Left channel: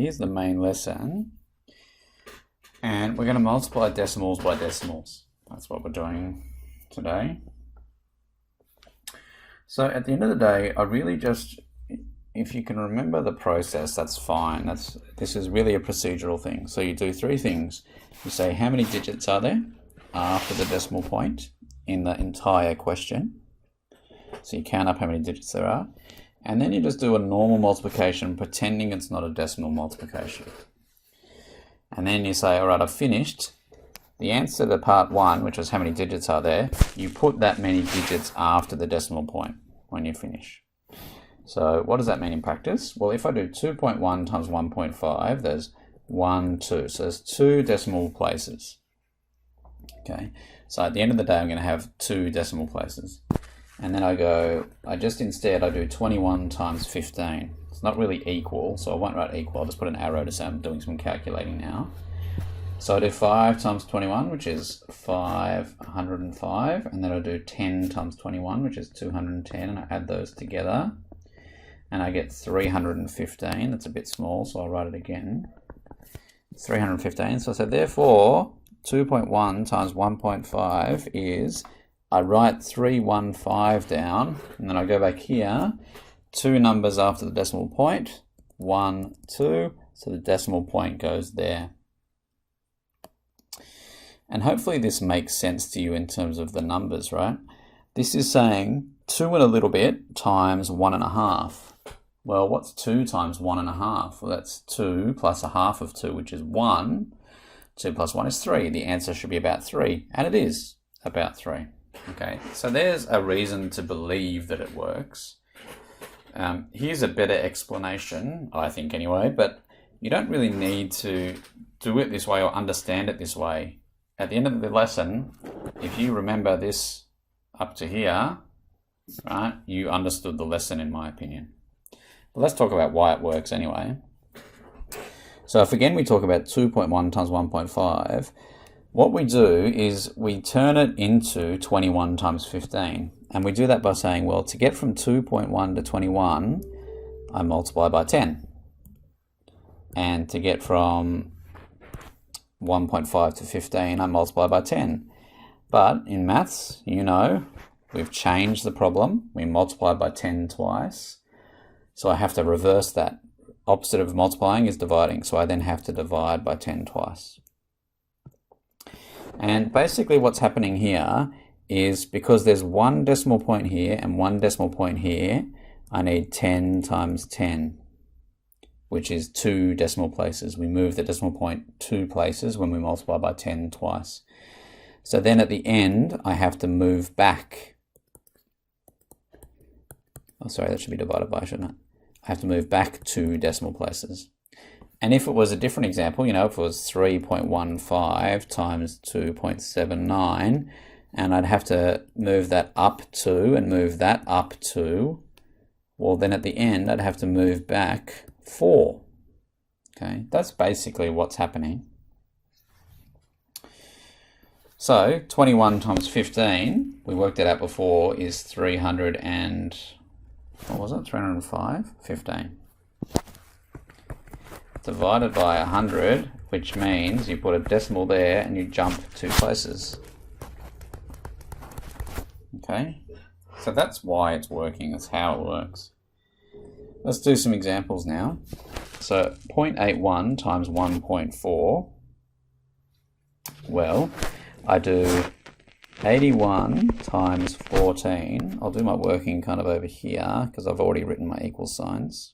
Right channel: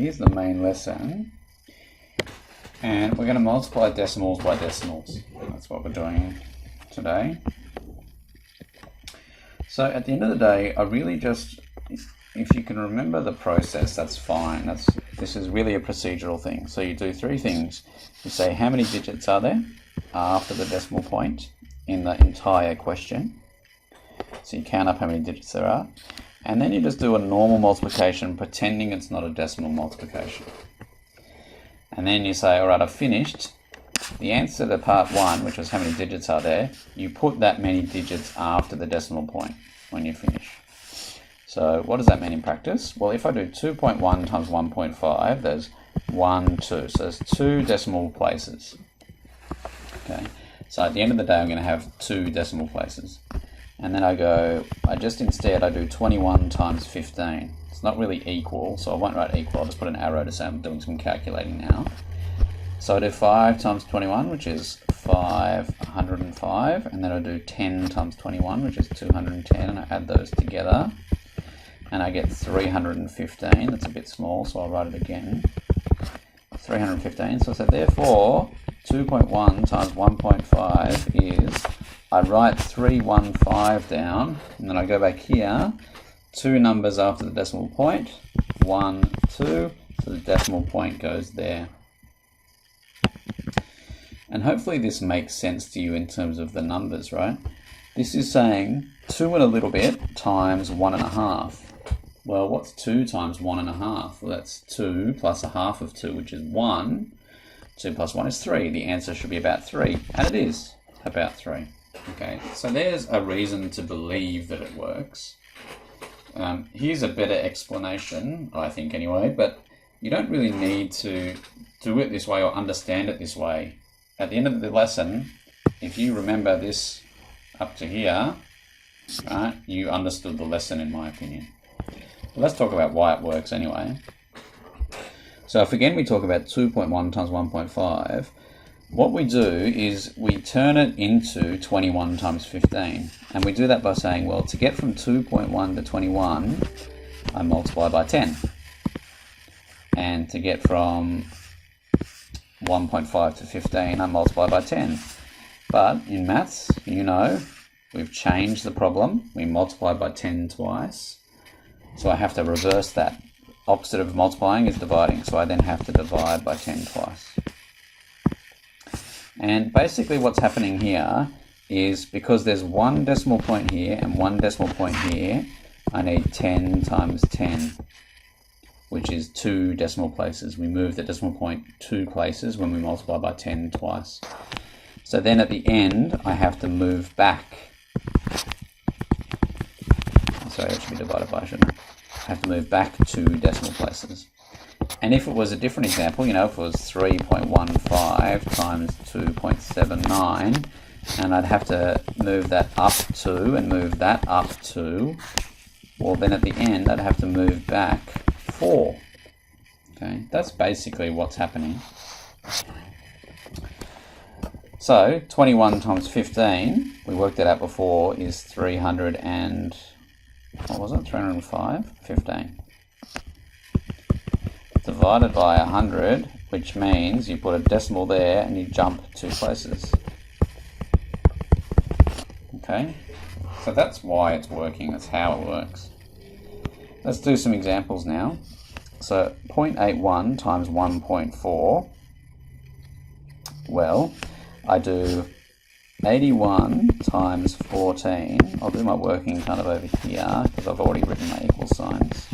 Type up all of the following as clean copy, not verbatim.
here's the main lesson. And we're going to multiply decimals by decimals. That's what we're doing today. So at the end of the day, I really just, if you can remember the process, that's fine. This is really a procedural thing. So you do three things. You say how many digits are there after the decimal point in the entire question. So you count up how many digits there are. And then you just do a normal multiplication, pretending it's not a decimal multiplication. And then you say, all right, I've finished. The answer to part one, which was how many digits are there, you put that many digits after the decimal point when you finish. So what does that mean in practice? Well, if I do 2.1 times 1.5, there's 1, 2. So there's 2 decimal places. Okay. So at the end of the day, I'm going to have 2 decimal places. And then I do 21 times 15. It's not really equal, so I won't write equal. I'll just put an arrow to say I'm doing some calculating now. So I do 5 times 21, which is 505, and then I do 10 times 21, which is 210, and I add those together, and I get 315. That's a bit small, so I'll write it again. 315. So I said, therefore, 2.1 times 1.5 is, I write 315 down, and then I go back here, 2 numbers after the decimal point, 1, 2, so the decimal point goes there. And hopefully this makes sense to you in terms of the numbers, right? This is saying 2 and a little bit times 1.5. Well, what's 2 times 1.5? Well, that's 2 plus a half of 2, which is 1. 2 plus 1 is 3. The answer should be about 3, and it is about 3. Okay, so there's a reason to believe that it works. Here's a better explanation, I think anyway, but you don't really need to do it this way or understand it this way. At the end of the lesson, if you remember this up to here, right, you understood the lesson in my opinion. Well, let's talk about why it works anyway. So if again we talk about 2.1 times 1.5, what we do is we turn it into 21 times 15. And we do that by saying, well, to get from 2.1 to 21, I multiply by 10. And to get from 1.5 to 15, I multiply by 10. But in maths, you know, we've changed the problem. We multiply by 10 twice. So I have to reverse that. Opposite of multiplying is dividing. So I then have to divide by 10 twice. And basically what's happening here is because there's 1 decimal point here and 1 decimal point here, I need 10 times 10, which is 2 decimal places. We move the decimal point 2 places when we multiply by 10 twice. So then at the end, I have to move back. Sorry, that should be divided by, shouldn't it? I have to move back 2 decimal places. And if it was a different example, you know, if it was 3.15 times 2.79, and I'd have to move that up 2 and move that up 2, well then at the end I'd have to move back 4. Okay, that's basically what's happening. So 21 times 15, we worked that out before, is 300 and, what was it, 305? 15. Divided by 100, which means you put a decimal there and you jump 2 places. Okay, so that's why it's working, that's how it works. Let's do some examples now. So 0.81 times 1.4, well, I do 81 times 14. I'll do my working kind of over here because I've already written my equal signs.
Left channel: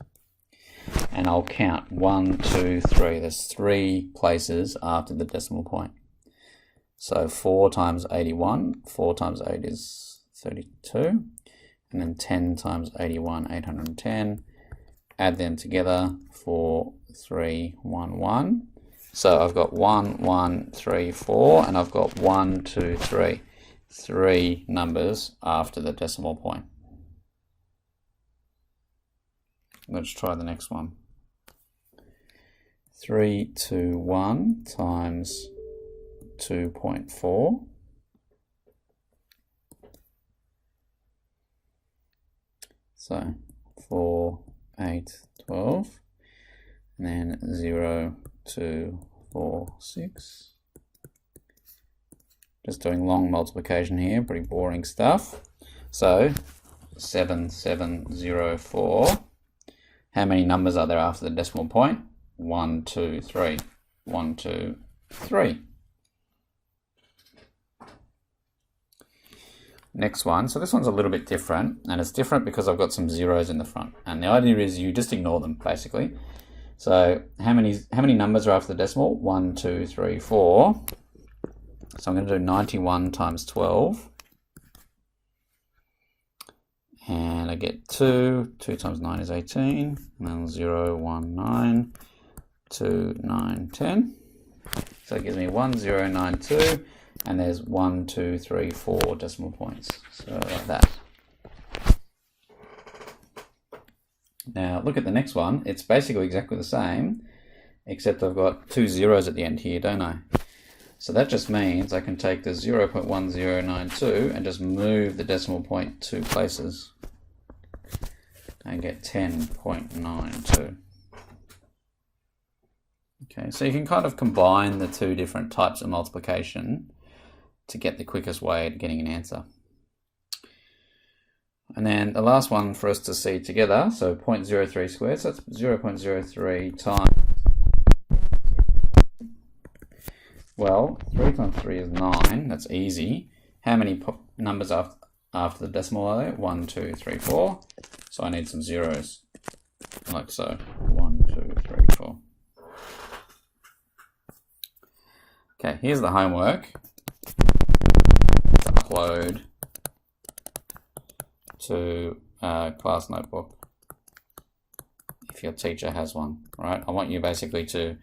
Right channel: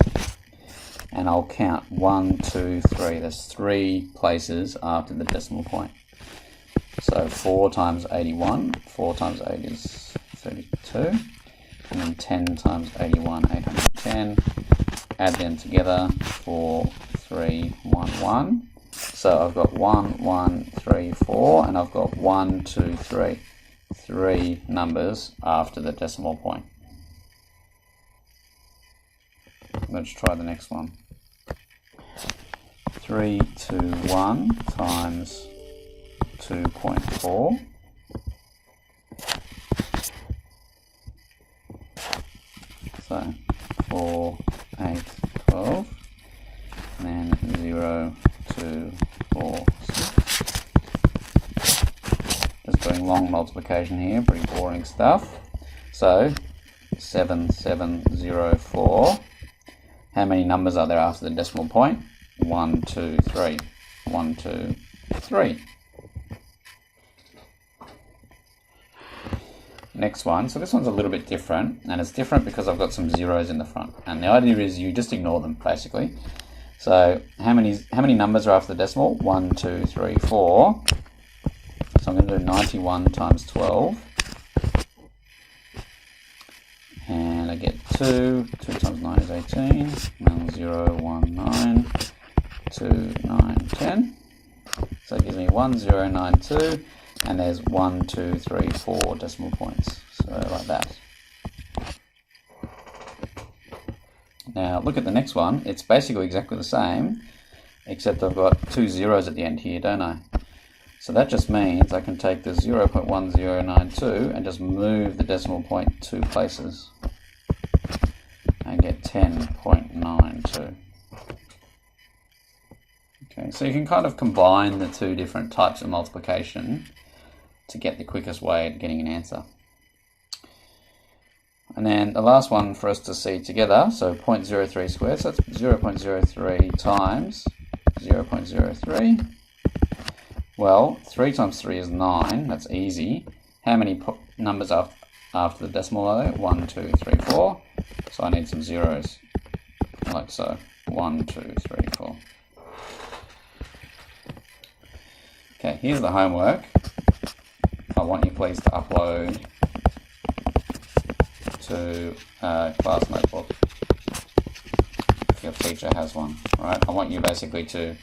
And I'll count 1, 2, 3. There's 3 places after the decimal point. So 4 times 81. 4 times 8 is 32. And then 10 times 81, 810. Add them together, 4, 3, 1, 1. So I've got 1, 1, 3, 4, and I've got 1, 2, 3. 3 numbers after the decimal point. Let's try the next one. 3, 2, 1 times 2.4. So 4, 8, 12. And then 0, 2, 4, 6. Just doing long multiplication here, pretty boring stuff. So 7704. How many numbers are there after the decimal point? 1, 2, 3. 1, 2, 3. Next one, so this one's a little bit different, and it's different because I've got some zeros in the front, and the idea is you just ignore them basically. So how many numbers are after the decimal? 1, 2, 3, 4. So I'm going to do 91 times 12, and I get 2. 2 times 9 is 18. 1, 0, 1, 9, 2, 9, 10. So it gives me 1092. And there's 1, 2, 3, 4 decimal points. So like that. Now look at the next one. It's basically exactly the same, except I've got 2 zeros at the end here, don't I? So that just means I can take the 0.1092 and just move the decimal point 2 places and get 10.92. Okay, so you can kind of combine the two different types of multiplication to get the quickest way at getting an answer. And then the last one for us to see together, so 0.03 squared, so that's 0.03 times 0.03. Well, 3 times 3 is 9, that's easy. How many numbers after the decimal are there? 1, 2, 3, 4. So I need some zeros, like so. 1, 2, 3, 4. Okay, here's the homework. I want you please to upload to class notebook if your teacher has one, right? I want you basically to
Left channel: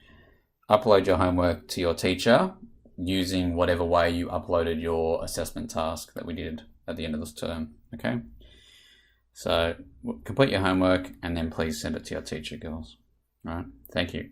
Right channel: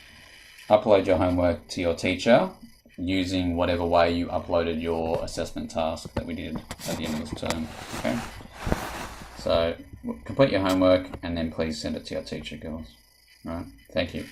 upload your homework to your teacher using whatever way you uploaded your assessment task that we did at the end of this term, okay? So complete your homework and then please send it to your teacher, girls. All right, thank you.